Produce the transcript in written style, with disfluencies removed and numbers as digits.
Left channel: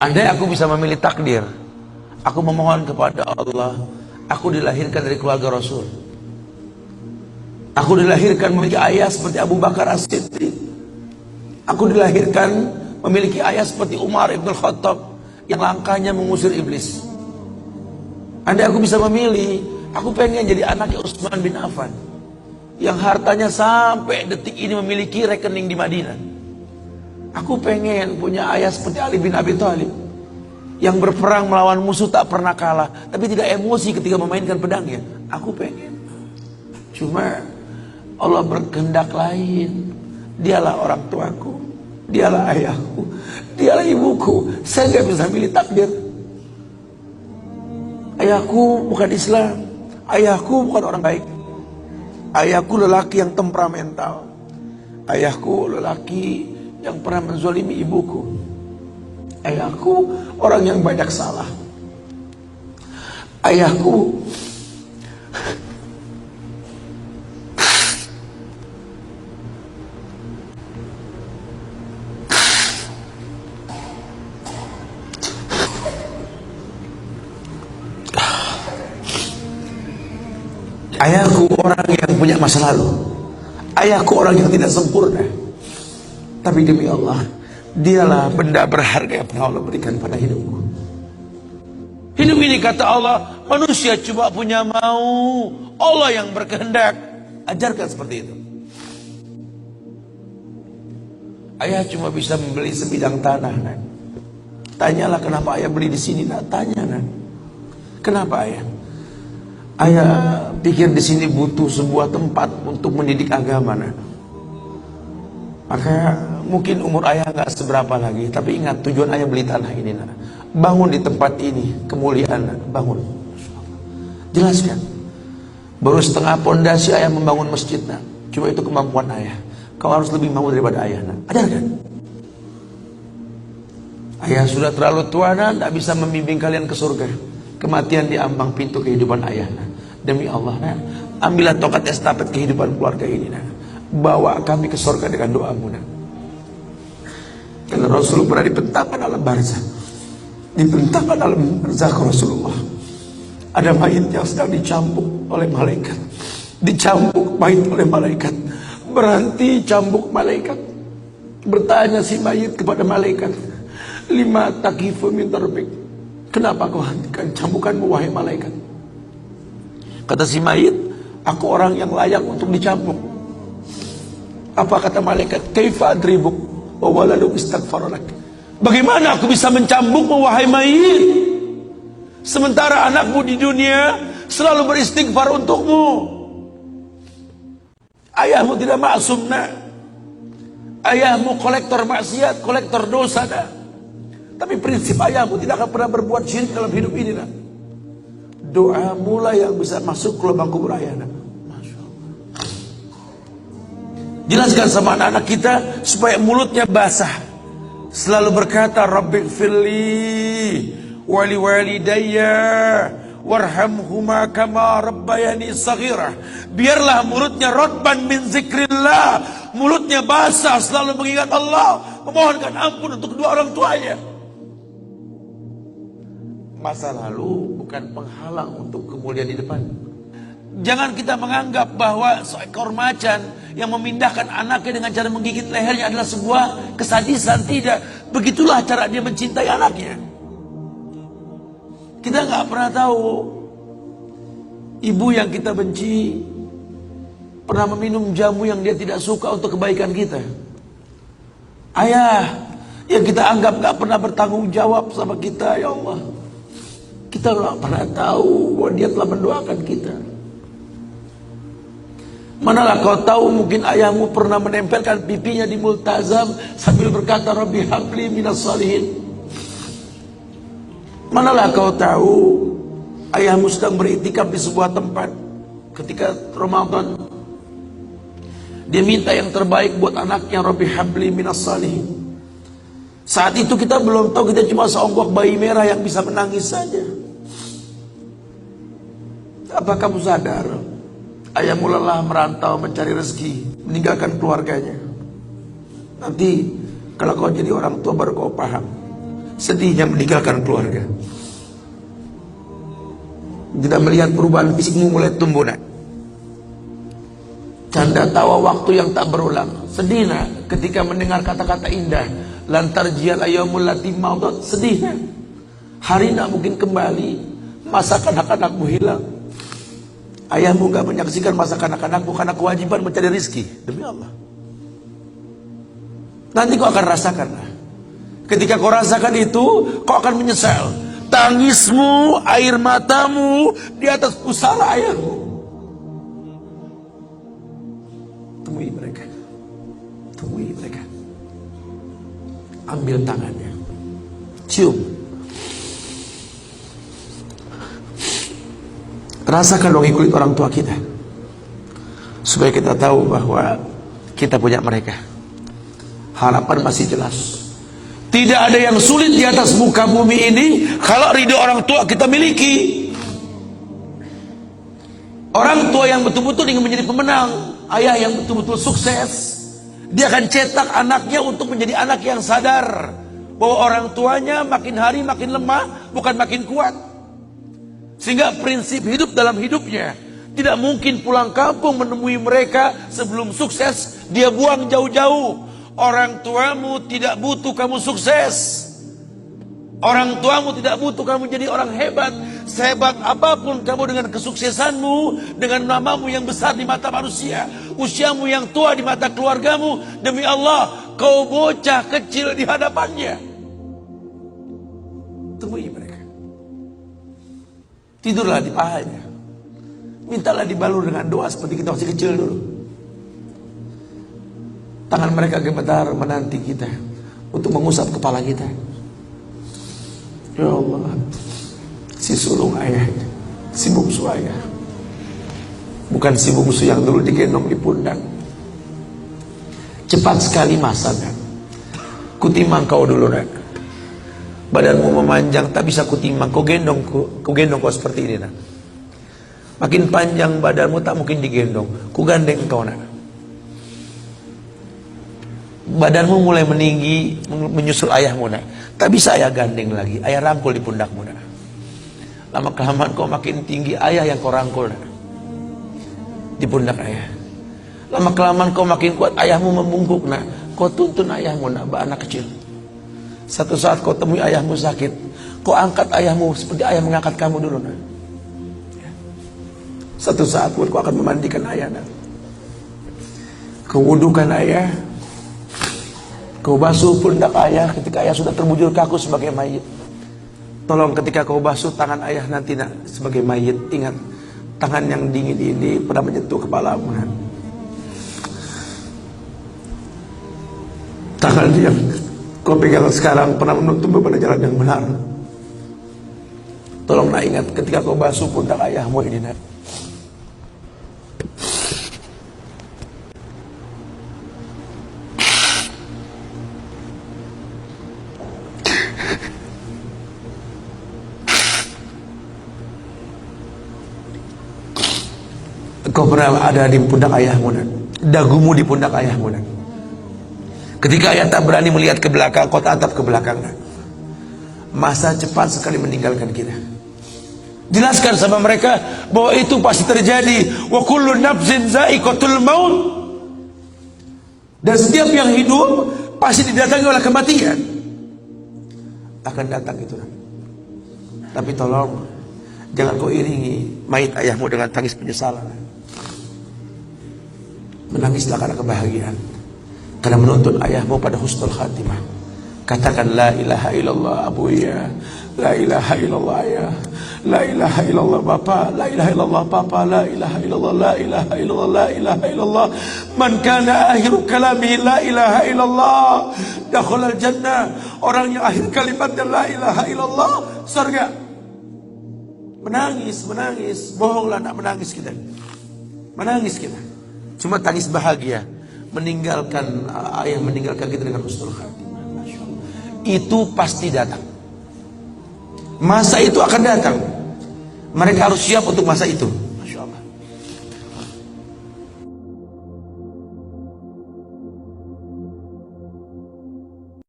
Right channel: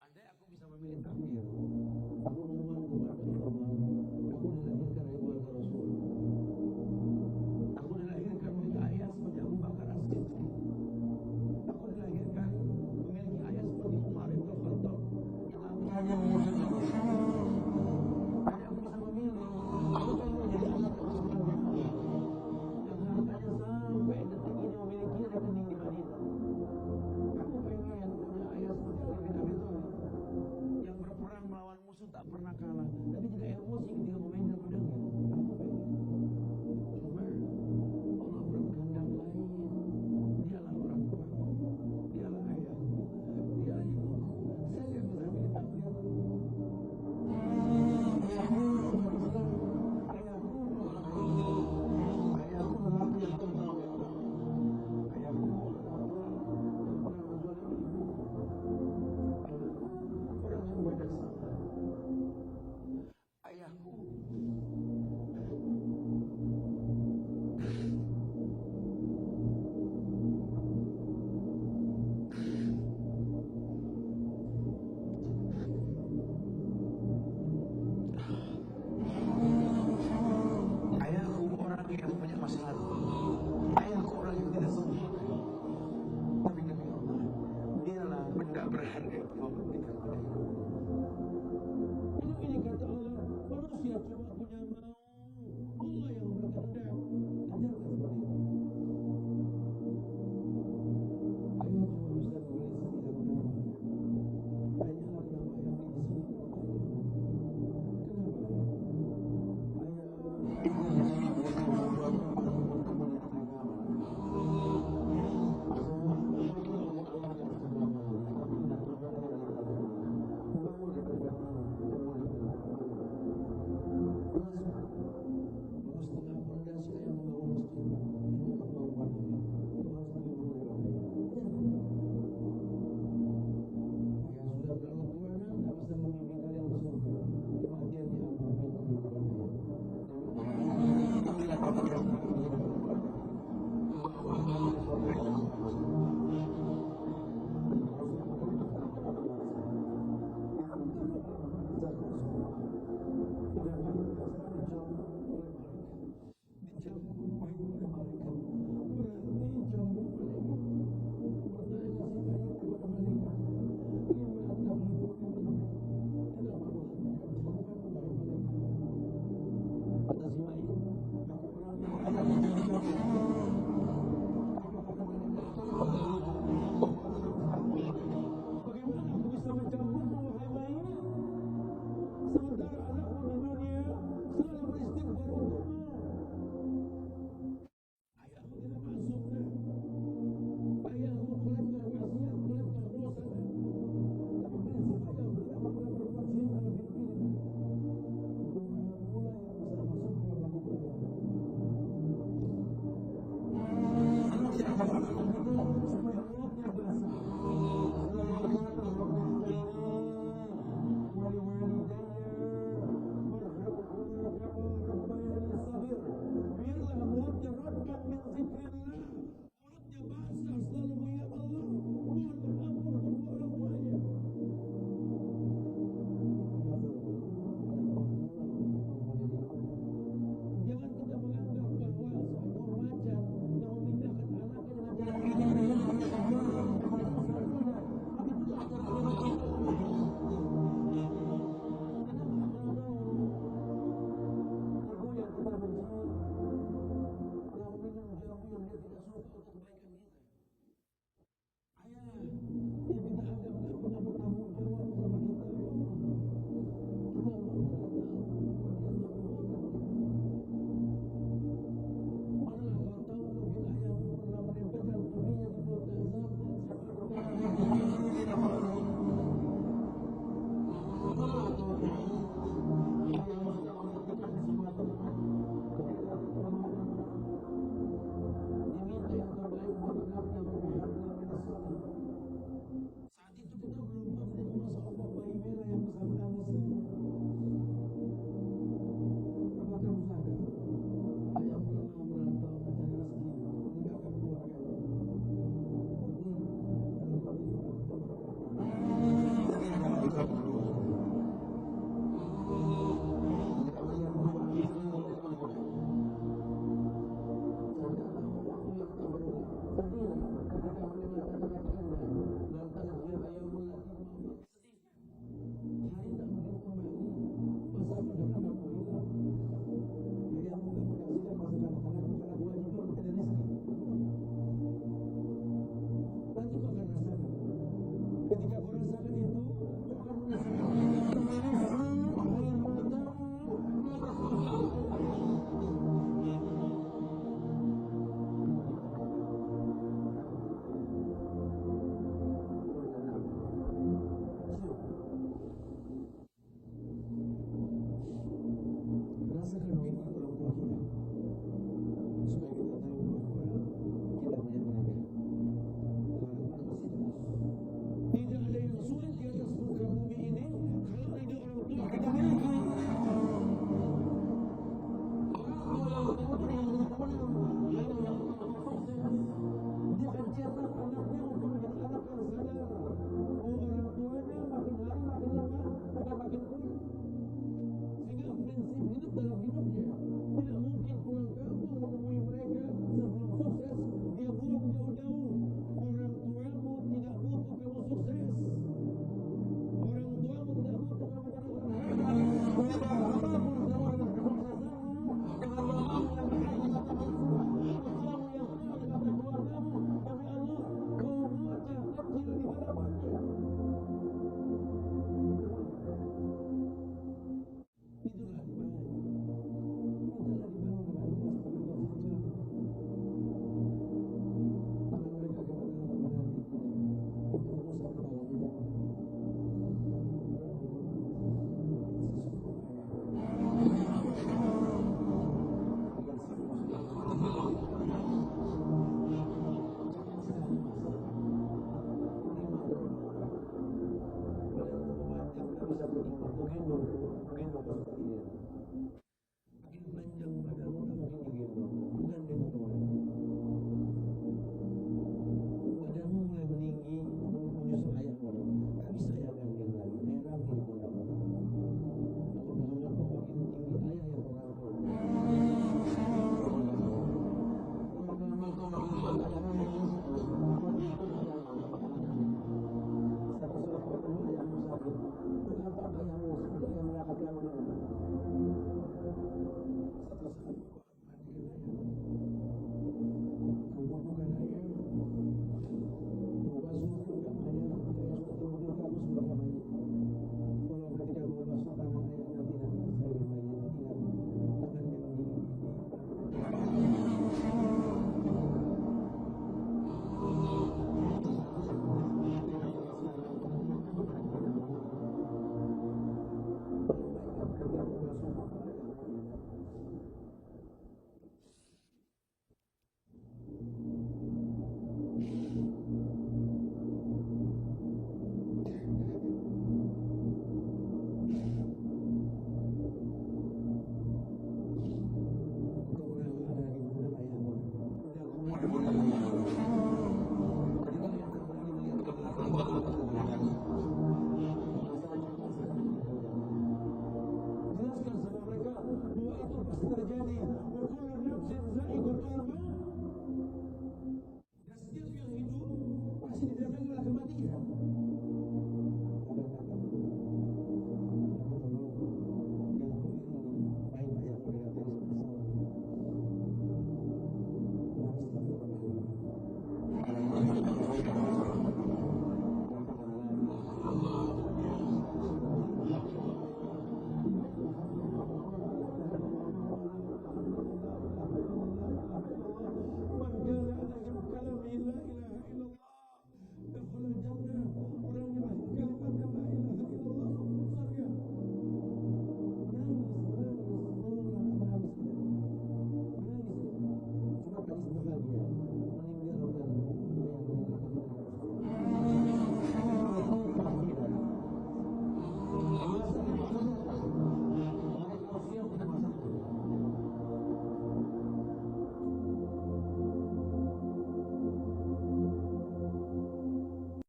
Andai aku bisa memilih takdir, aku memohon kepada Allah, aku dilahirkan dari keluarga Rasul. Aku dilahirkan memiliki ayah seperti Abu Bakar As-Siddiq. Aku dilahirkan memiliki ayah seperti Umar Ibn Khattab yang langkahnya mengusir iblis. Andai aku bisa memilih, aku pengen jadi anaknya Utsman bin Affan yang hartanya sampai detik ini memiliki rekening di Madinah. Aku pengen punya ayah seperti Ali bin Abi Thalib yang berperang melawan musuh tak pernah kalah, tapi tidak emosi ketika memainkan pedangnya. Aku pengen. Cuma Allah berkehendak lain. Dialah orang tuaku, dialah ayahku, dialah ibuku. Saya nggak bisa milih takdir. Ayahku bukan Islam, ayahku bukan orang baik. Ayahku lelaki yang temperamental. Ayahku lelaki yang pernah menzalimi ibuku. Ayahku orang yang banyak salah. Ayahku Ayahku orang yang punya masa lalu. Ayahku orang yang tidak sempurna. Tapi demi Allah, dialah benda berharga yang pernah Allah berikan pada hidupku. Hidup ini kata Allah, manusia cuma punya mau, Allah yang berkehendak. Ajarkan seperti itu. Ayah cuma bisa membeli sebidang tanah, nak. Tanyalah kenapa ayah beli di sini, nak. Tanya, nak. Kenapa ayah? Ayah pikir di sini butuh sebuah tempat untuk mendidik agama, nak. Maka mungkin umur ayah nggak seberapa lagi, tapi ingat tujuan ayah beli tanah ini, nak. Bangun di tempat ini, kemuliaan, nak. Bangun. Jelaskan. Baru setengah pondasi ayah membangun masjid, nak. Cuma itu kemampuan ayah. Kau harus lebih mau daripada ayah, nak. Ajarkan. Ayah sudah terlalu tua, nak, tidak bisa membimbing kalian ke surga. Kematian di ambang pintu kehidupan ayah, nak. Demi Allah, nak. Ambillah tongkat estafet kehidupan keluarga ini, nak. Bawa kami ke surga dengan doamu, nak. Karena Rasul pernah dibentangkan alam barzah. Dibentangkan alam barzah ke Rasulullah. Ada mayit yang sedang dicambuk oleh malaikat. Dicambuk mayit oleh malaikat. Berhenti cambuk malaikat. Bertanya si mayit kepada malaikat, lima takifu min darbik. Kenapa kau hentikan cambukanmu wahai malaikat? Kata si mayit, aku orang yang layak untuk dicambuk. Apa kata malaikat? Kaifa adribuk wa waladu istaghfar lak. Bagaimana aku bisa mencambukmu wahai mayit, sementara anakmu di dunia selalu beristighfar untukmu? Ayahmu tidak maksum, nak. Ayahmu kolektor maksiat, kolektor dosa, nak. Tapi prinsip ayahmu tidak akan pernah berbuat syirik dalam hidup ini, nak. Doa mula yang bisa masuk ke lubang kubur ayah, nak. Jelaskan sama anak-anak kita supaya mulutnya basah. Selalu berkata, Rabbighfirli wali walidayya warhamhuma kama rabbayani saghira. Biarlah mulutnya rotban min zikrillah. Mulutnya basah, selalu mengingat Allah, memohonkan ampun untuk kedua orang tuanya. Masa lalu bukan penghalang untuk kemuliaan di depan. Jangan kita menganggap bahwa seekor macan yang memindahkan anaknya dengan cara menggigit lehernya adalah sebuah kesadisan. Tidak. Begitulah cara dia mencintai anaknya. Kita nggak pernah tahu ibu yang kita benci pernah meminum jamu yang dia tidak suka untuk kebaikan kita. Ayah yang kita anggap nggak pernah bertanggung jawab sama kita, ya Allah. Kita nggak pernah tahu bahwa dia telah mendoakan kita. Manalah kau tahu mungkin ayahmu pernah menempelkan pipinya di multazam sambil berkata Rabbi habli minas salihin. Manalah kau tahu ayahmu sedang beriktikaf di sebuah tempat ketika Ramadan. Dia minta yang terbaik buat anaknya, Rabbi habli minas salihin. Saat itu kita belum tahu, kita cuma seonggok bayi merah yang bisa menangis saja. Apa kamu sadar? Ayahmu lelah merantau mencari rezeki, meninggalkan keluarganya. Nanti kalau kau jadi orang tua baru kau paham. sedihnya meninggalkan keluarga. Tidak melihat perubahan fisikmu mulai tumbuh, nak. Canda tawa waktu yang tak berulang. Sedih, nak, ketika mendengar kata-kata indah. Lantar jial ayyamul lati maudat. Sedih, nak. Hari nak mungkin kembali. Masa kanak-kanakmu hilang. Ayahmu gak menyaksikan masa kanak-kanakmu karena kewajiban mencari rizki. Demi Allah. Nanti kau akan rasakan. Ketika kau rasakan itu, kau akan menyesal. Tangismu, air matamu di atas pusara ayahmu. Temui mereka. Temui mereka. Ambil tangannya. Cium. Rasakan dong kulit orang tua kita. Supaya kita tahu bahwa kita punya mereka. Harapan masih jelas. Tidak ada yang sulit di atas muka bumi ini kalau ridho orang tua kita miliki. Orang tua yang betul-betul ingin menjadi pemenang, ayah yang betul-betul sukses, dia akan cetak anaknya untuk menjadi anak yang sadar bahwa orang tuanya makin hari makin lemah, bukan makin kuat. Sehingga prinsip hidup dalam hidupnya, tidak mungkin pulang kampung menemui mereka sebelum sukses, dia buang jauh-jauh. Orang tuamu tidak butuh kamu sukses. Orang tuamu tidak butuh kamu jadi orang hebat. Sehebat apapun kamu dengan kesuksesanmu, dengan namamu yang besar di mata manusia, usiamu yang tua di mata keluargamu, demi Allah, kau bocah kecil di hadapannya. Temui mereka. Tidurlah di pahanya. Mintalah dibalur dengan doa seperti kita masih kecil dulu. Tangan mereka gemetar menanti kita untuk mengusap kepala kita. Ya Allah, si sulung ayah, si bungsu ayah, bukan si bungsu yang dulu digendong di pundak. Cepat sekali masa, nak. Kutimang kau dulu, nak. Badanmu memanjang, tak bisa kutimang. Kau gendong kau seperti ini, nak. Makin panjang badanmu tak mungkin digendong. Ku gandeng kau, nak. Badanmu mulai meninggi, menyusul ayahmu, nak. Tak bisa ayah gandeng lagi. Ayah rangkul di pundakmu, nak. Lama kelamaan kau makin tinggi, ayah yang kau rangkul, nak. Di pundak ayah. Lama kelamaan kau makin kuat, ayahmu membungkuk, nak. Kau tuntun ayahmu, nak, anak kecil. Satu saat kau temui ayahmu sakit, kau angkat ayahmu seperti ayah mengangkat kamu dulu, nak. Satu saat pun kau akan memandikan ayah, nak. Kau wudukan ayah. Kau basuh pundak ayah ketika ayah sudah terbujur kaku sebagai mayit. Tolong ketika kau basuh tangan ayah nanti, nak, sebagai mayit, ingat tangan yang dingin ini pernah menyentuh kepalamu, nak. Tangan yang kau pegang sekarang pernah menuntun pada jalan yang benar. Tolong, nak, ingat ketika kau basuh pundak ayahmu ini, nak. Kau pernah ada di pundak ayahmu, nak. Dagumu di pundak ayahmu, nak. Ketika ayah tak berani melihat ke belakang, kau tatap ke belakang, nak. Masa cepat sekali meninggalkan kita. Jelaskan sama mereka bahwa itu pasti terjadi. Wa kullu nafsin za'iqatul maut. Dan setiap yang hidup pasti didatangi oleh kematian. Akan datang itu, nak. Tapi tolong jangan kau iringi mayit ayahmu dengan tangis penyesalan. Menangislah karena kebahagiaan, karena menuntun ayahmu pada husnul khatimah. Katakan la ilaha illallah abuya, la ilaha illallah ayah, la ilaha illallah bapa, la ilaha illallah papa, la ilaha illallah, la ilaha illallah, la ilaha illallah. Man kana akhiru kalami la ilaha illallah dakhalal jannah. Orang yang akhir kalimatnya la ilaha illallah, surga. Menangis, bohonglah, nak, menangis kita. Menangis kita. Cuma tangis bahagia, meninggalkan ayah, meninggalkan kita dengan husnul khatimah. Itu pasti datang. Masa itu akan datang. Mereka harus siap untuk masa itu.